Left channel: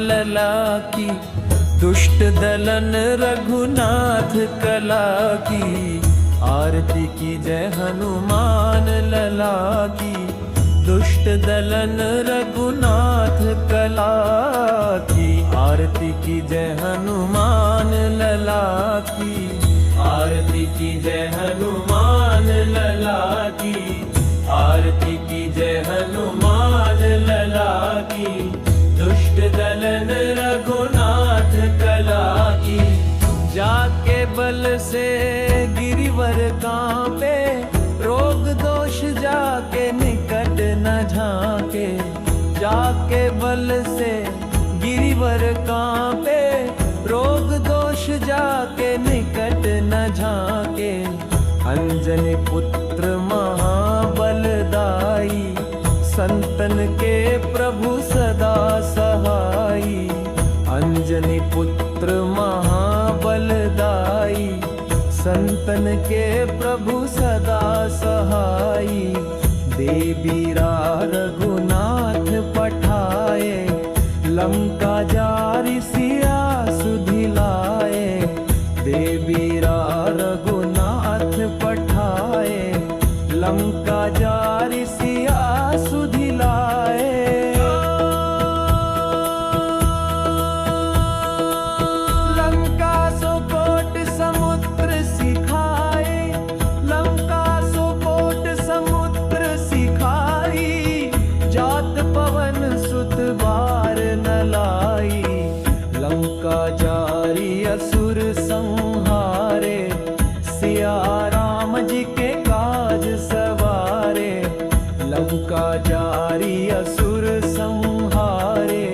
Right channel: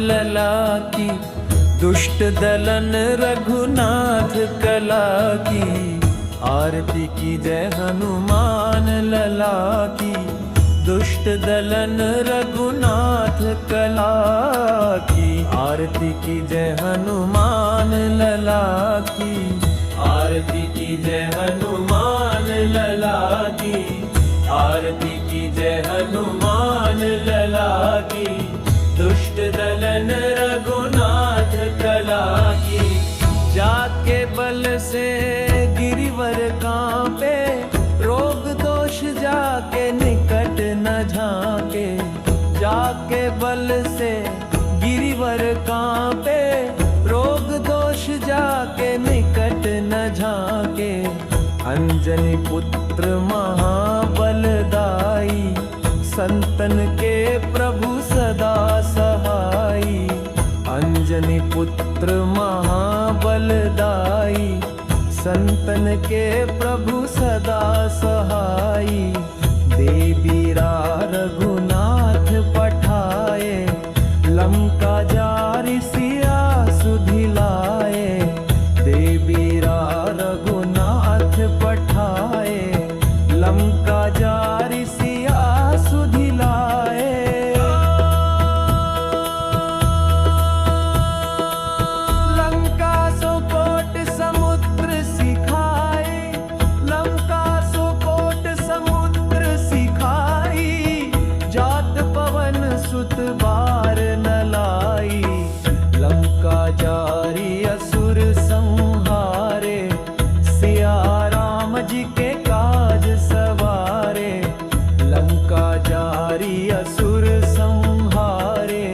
लला की, दुष्ट दलन रघुनाथ कला की। आरती की जय हनुमान लला की, दुष्ट दलन रघुनाथ कला की। आरती की जय हनुमान लला की, आरती की जय हनुमान लला की। आरती की जय हनुमान लला की, दुष्ट दलन रघुनाथ कला की। जाके बल से गिरिवर कांपे, रोग दोष जाके निकट न झाके। जाके बल से गिरिवर कांपे, रोग दोष जाके निकट न झाके। अंजनी पुत्र महाबलदाई, संतन के प्रभु सदा सहाई। अंजनी पुत्र महाबलदाई, संतन के प्रभु सदा सहाई। देवीरा रघुनाथ पठाए, लंका जारि सिया सुधिलाए। देवीरा रघुनाथ पठाए, लंका जारि सिया सुधिलाए। लंका सो कोट समुद्र सिखाए, लंका सो कोट समुद्र सिखाई। जात पवन सुत बार न लाई, लंका जारी असुर संहारे। सिया राम जी के काज सवारे, लंका जारी असुर संहारे।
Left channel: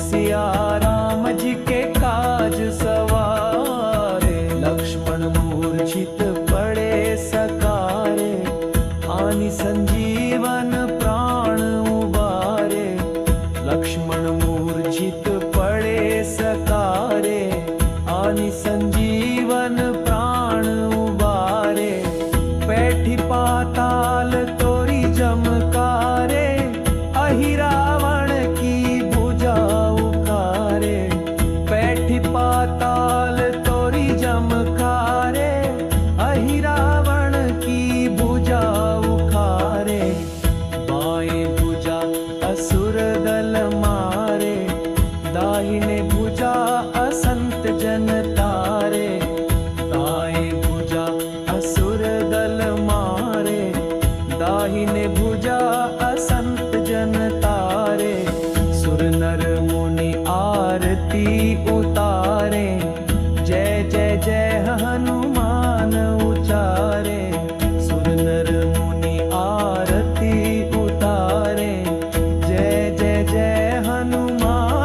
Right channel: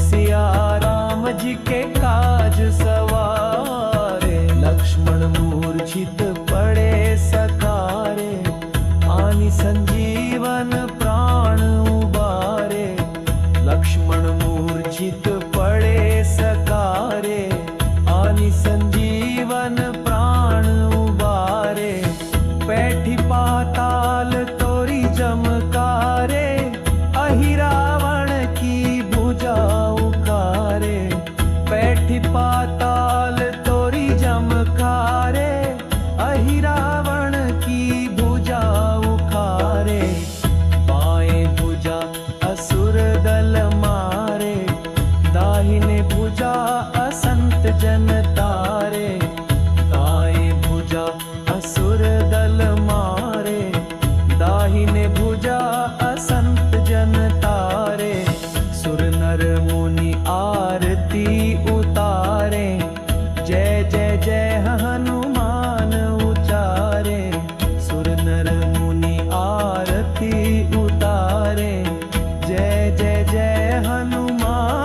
सिया राम जी के काज सवारे। लक्ष्मण मूर्छित पड़े सकारे, आनि संजीवन प्राण उबारे। लक्ष्मण मूर्छित पड़े सकारे, आनि संजीवन प्राण उबारे। पैठी पाताल तोरी जमकारे, अहि रावण की भुजा उखारे। पैठी पाताल तोरी जमकारे, अहि रावण की भुजा उखारे। बाएं भुजा असुर दल मारे, दाहिने भुजा असंत जन तारे। दाएं भुजा असुर दल मारे, दाहिने भुजा असंत जन तारे। सुर नर मुनि आरती उतारे, जय जय जय हनुमान उचारे। सुर नर मुनि आरती उतारे, जय जय जय हनुमान